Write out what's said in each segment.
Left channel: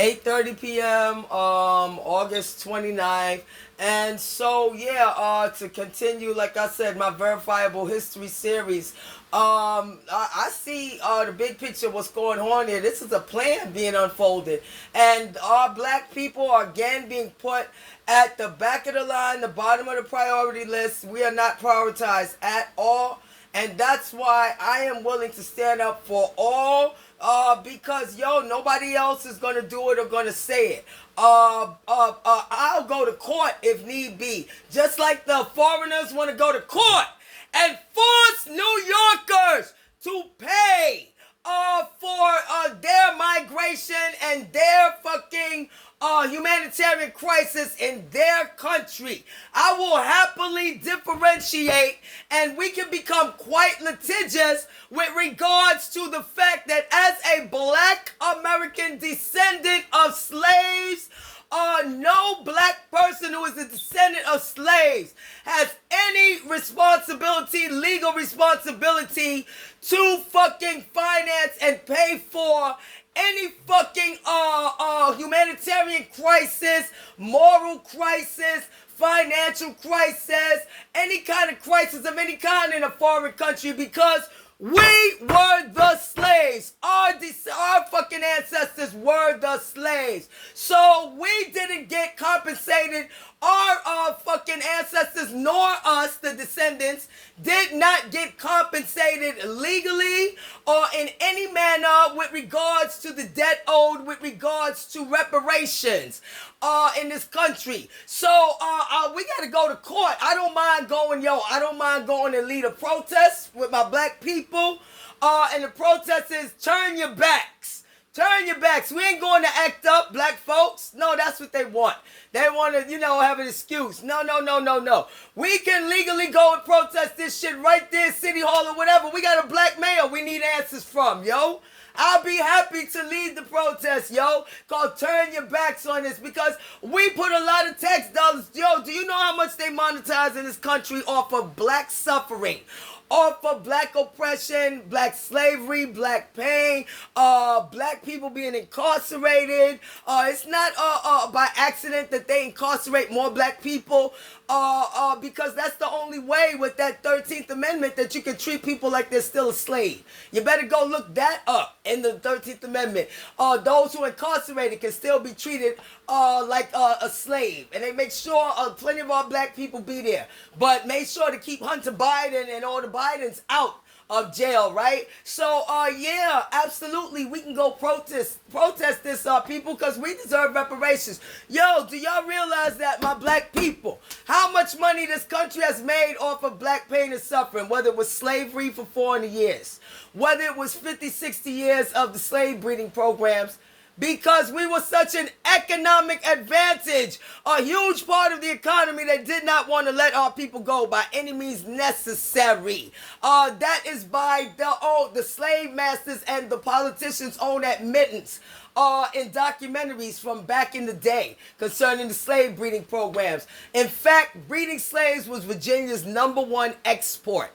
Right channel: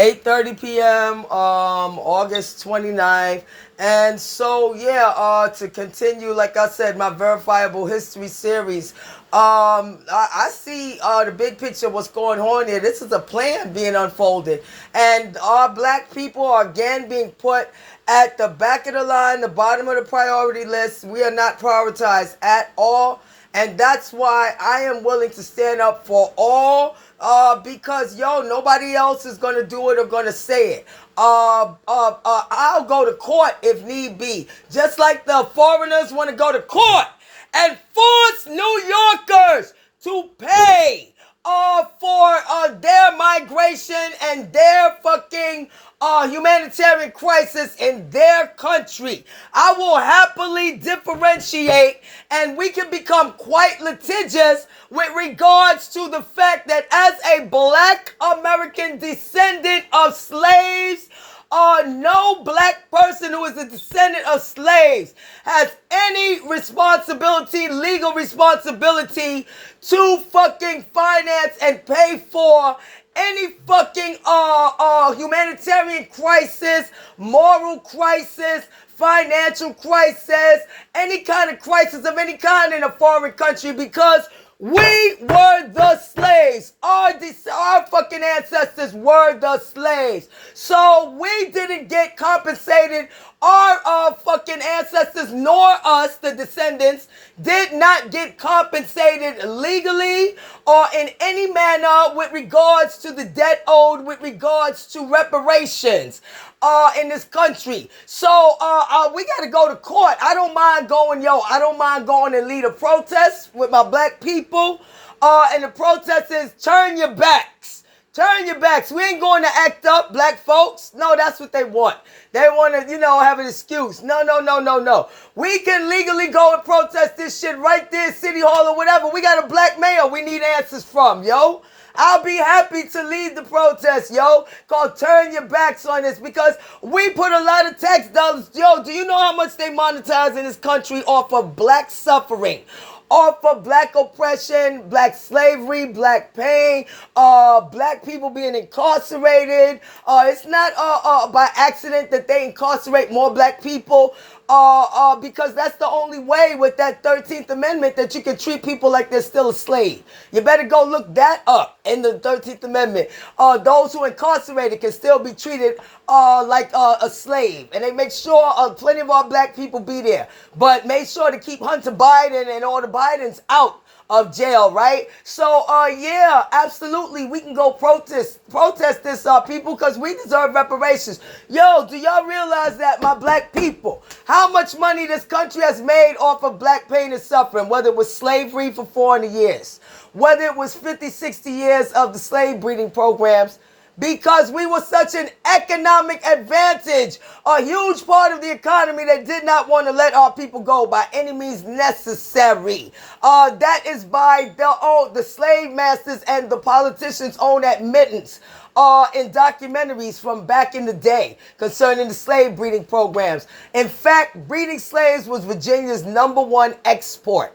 8:30 p.m. August 29th. And so to continue, like I said, my verifiable history series. I see the big picture, what's going on here. This is a plan being unfolded, and our black people are again being put at the back of the line, the bottom of the priority list. We are not prioritized at all, and that's why I am willing to stand up for all. Because nobody else is gonna do it or gonna say it. I'll go to court if need be, just like the foreigners want to go to court and force New Yorkers to pay for their migration and their fucking humanitarian crisis in their country. I will happily differentiate, and we can become quite litigious with regards to the fact that as a black American descendant of slaves, no black person who is a descendant of slaves has any responsibility, legal responsibility, to fucking finance and pay for any fucking humanitarian crisis, moral crisis, financial crisis, any kind of crisis of any kind in a foreign country, because we were the slaves. Our fucking ancestors were the slaves. So we didn't get compensated. Our fucking ancestors, nor us, the descendants, did not get compensated legally or in any manner with regards to the debt owed, with regards to reparations in this country. So we got to go to court. I don't mind going and lead a protest with my black people. And the protest is turn your backs. Turn your backs. We ain't going to act up, black folks. No, that's what they want. They want to, have an excuse. No. We can legally go and protest this shit right there, City Hall or whatever. We got a black mayor we need answers from, yo. I'll be happy to lead the protest, yo. Called turn your backs on this, because we put a lot of tax dollars. Yo, do you know how much they monetize in this country off of black suffering? Off of black oppression, black slavery, black pain, black people being incarcerated. It's not by accident that they incarcerate more black people. Because that's the only way with that 13th Amendment that you can treat people like they're still a slave. You better go look that up in the 13th Amendment. Those who are incarcerated can still be treated like a slave. And they make sure plenty of our black people be there. But make sure to keep Hunter Biden and all the Bidens out of jail, right? So, absolutely, we can go protest this, people, because we deserve reparations. Yo, do y'all realize that, my black people, how much money this country has made off of black pain and suffering, whether it was slavery for 400 years, whether it was 50, 60 years of the slave breeding programs, because we were such an economic advantage, a huge part of the economy that did not want to let our people go by any means necessary. That is by the slave masters and the politicians' own admittance in documentaries from back in the day concerning the slave breeding programs. In fact, breeding slaves was Virginia's #1 export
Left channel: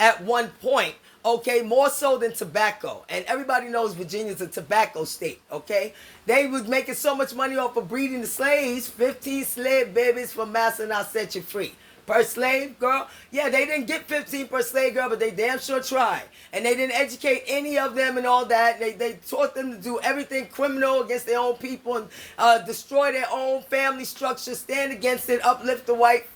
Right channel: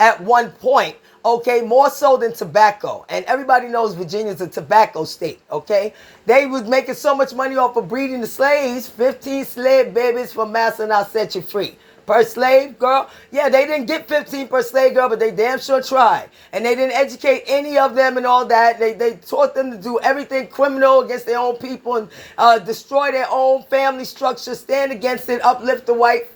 at one point. Okay, more so than tobacco. And everybody knows Virginia's a tobacco state, okay? They was making so much money off of breeding the slaves. 15 slave babies for master and I'll set you free. Per slave girl? Yeah, they didn't get 15 per slave girl, but they damn sure tried. And they didn't educate any of them and all that. They taught them to do everything criminal against their own people and destroy their own family structure, stand against it, uplift the white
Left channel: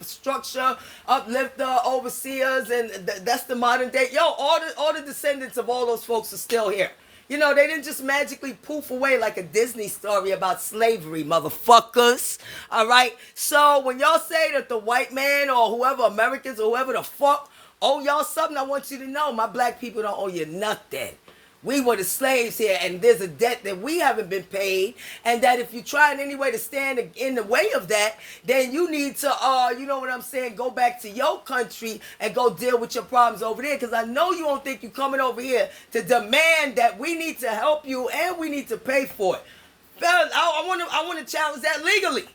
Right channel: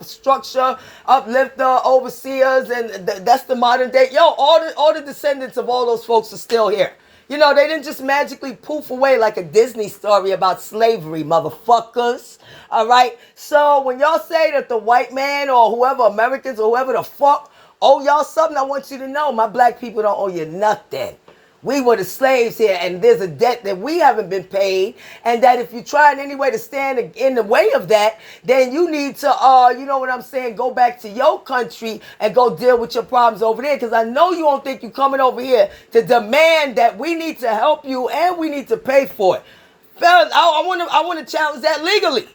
structure, uplift the overseers, and that's the modern day. Yo, all the descendants of all those folks are still here. They didn't just magically poof away like a Disney story about slavery, motherfuckers. All right? So when y'all say that the white man or whoever, Americans or whoever the fuck, owe y'all something, I want you to know my black people don't owe you nothing. We were the slaves here, and there's a debt that we haven't been paid, and that if you try in any way to stand in the way of that, then you need to, you know what I'm saying, go back to your country and go deal with your problems over there, because I know you don't think you're coming over here to demand that we need to help you and we need to pay for it. Fellas, I want to challenge that legally.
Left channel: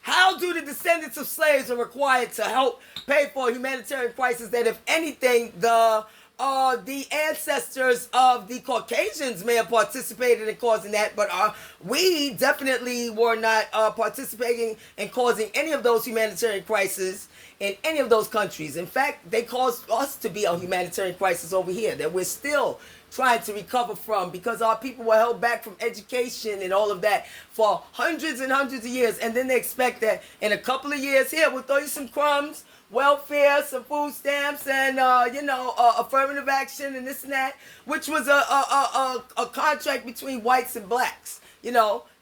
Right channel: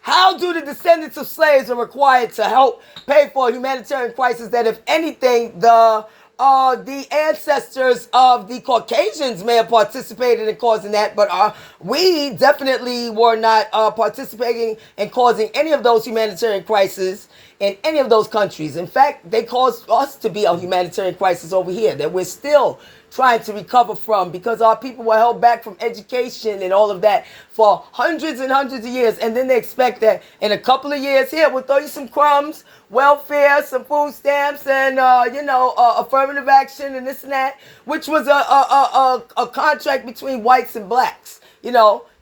How do the descendants of slaves are required to help pay for a humanitarian crisis that, if anything, the the ancestors of the Caucasians may have participated in causing that, but we definitely were not participating in causing any of those humanitarian crises in any of those countries. In fact, they caused us to be a humanitarian crisis over here that we're still trying to recover from, because our people were held back from education and all of that for hundreds and hundreds of years. And then they expect that in a couple of years, here, we'll throw you some crumbs, welfare, some food stamps, and affirmative action and this and that, which was a contract between whites and blacks.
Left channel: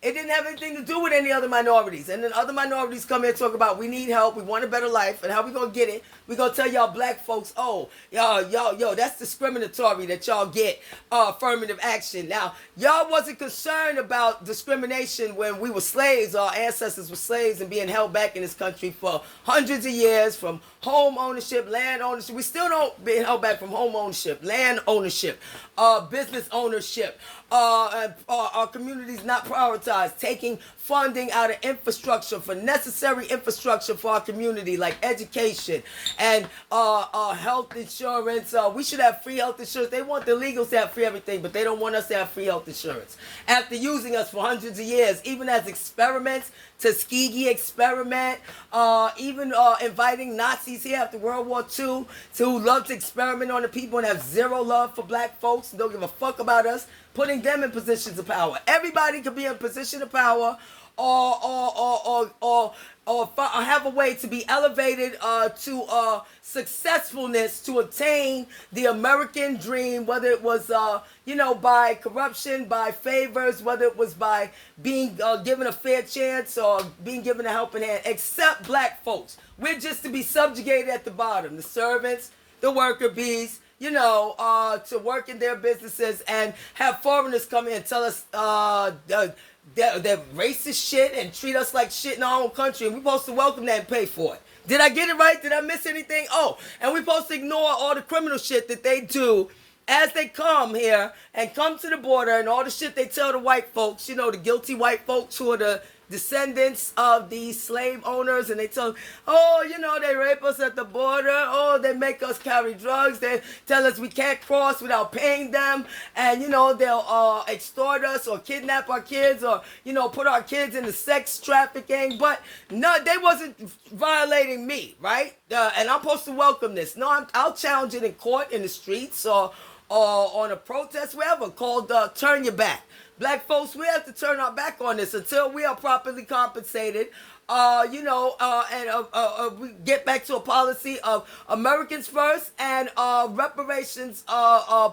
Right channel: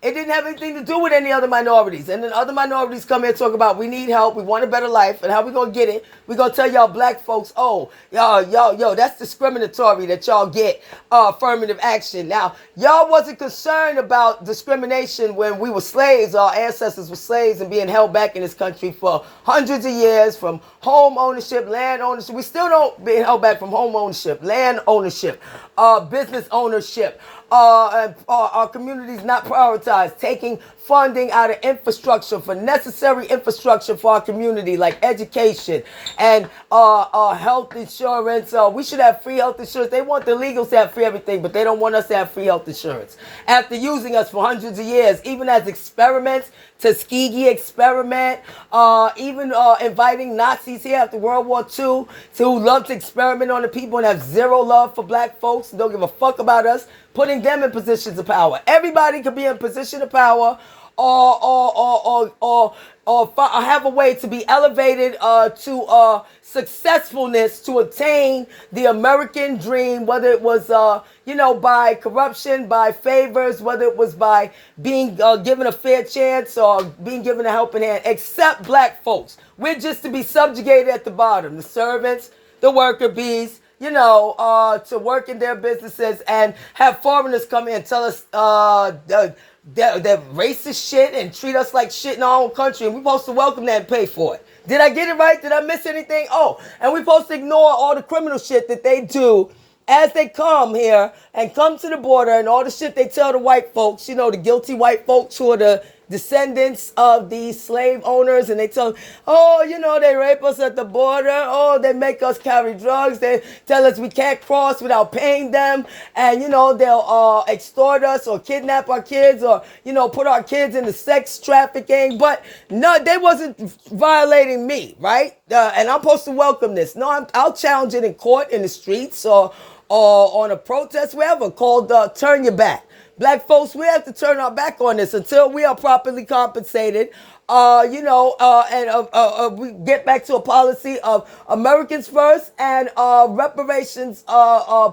It didn't have anything to do with any other minorities. And then other minorities come here and talk about, we need help, we want a better life, and how we gonna get it? We gonna tell y'all black folks, oh, yo, that's discriminatory that y'all get affirmative action. Now, y'all wasn't concerned about discrimination when we were slaves. Our ancestors were slaves and being held back in this country for hundreds of years, from home ownership, land ownership. We still don't be held back from home ownership, land ownership, business ownership. Our communities not prioritized, taking funding out of infrastructure for necessary infrastructure for our community, like education and health insurance. We should have free health insurance. They want the illegals to have free everything, but they don't want us to have free health insurance. After using us for hundreds of years, even as experiments, Tuskegee experiment, even inviting Nazis here after World War II to love to experiment on the people and have zero love for black folks, don't give a fuck about us, putting them in positions of power. Everybody could be in a position of power or have a way to be elevated to successfulness to attain the American dream, whether it was by corruption, by favors, whether it was by being given a fair chance or being given a helping hand, except black folks. We're just to be subjugated at the bottom, the servants, the worker bees, to work in their businesses and have foreigners come in and tell us they're racist shit and treat us like shit in our own country, and we're supposed to welcome that and pay for it. Did I get it right? Did I miss anything? Oh, and we're supposed to ignore all the criminal shit that they do as they come here and come to the border, and all the shit they tell the white folks, the guilty white folks who are the descendants of the slave owners, and they tell them, they rape us at the border, they make us carry drugs, they tell us we can't cross without paying them, and they'll extort us or kidnap our kids or put our kids into sex trafficking. But no, they wasn't violating me, right? And I'm supposed to welcome this. No, I'll challenge it in court, in the streets, or on a protest, wherever, called Turn Your Back. Black folks, we have to turn our back on this until we are properly compensated, and we get back to a policy of Americans first and reparations,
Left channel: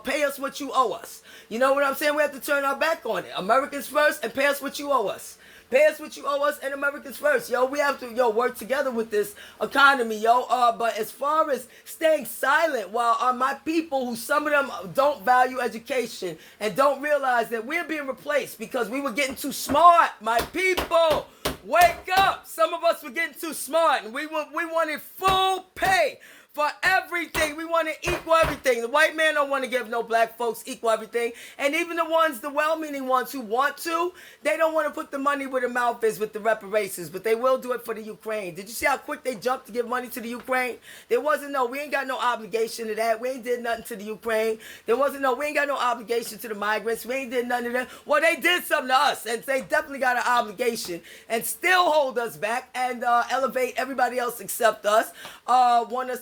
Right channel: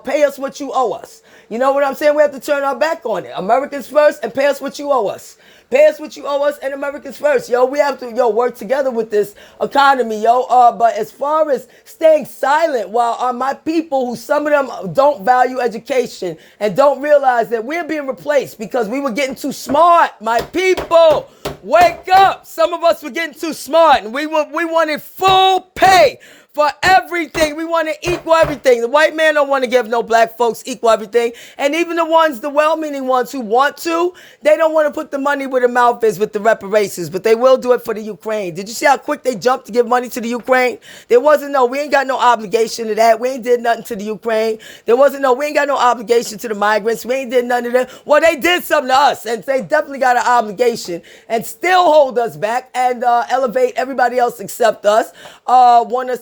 pay us what you owe us. You know what I'm saying? We have to turn our back on it. Americans first and pay us what you owe us. Pay us what you owe us and Americans first. We have to, work together with this economy, but as far as staying silent while my people, who some of them don't value education and don't realize that we're being replaced because we were getting too smart, my people, wake up. Some of us were getting too smart and we wanted full pay for everything. We want to equal everything. The white man don't want to give no black folks equal everything. And even the well-meaning ones who want to, they don't want to put the money where the mouth is with the reparations, but they will do it for the Ukraine. Did you see how quick they jumped to give money to the Ukraine? We ain't got no obligation to that. We ain't did nothing to the Ukraine. We ain't got no obligation to the migrants. We ain't did nothing to them. Well, they did something to us, and they definitely got an obligation and still hold us back and elevate everybody else except us. Want us to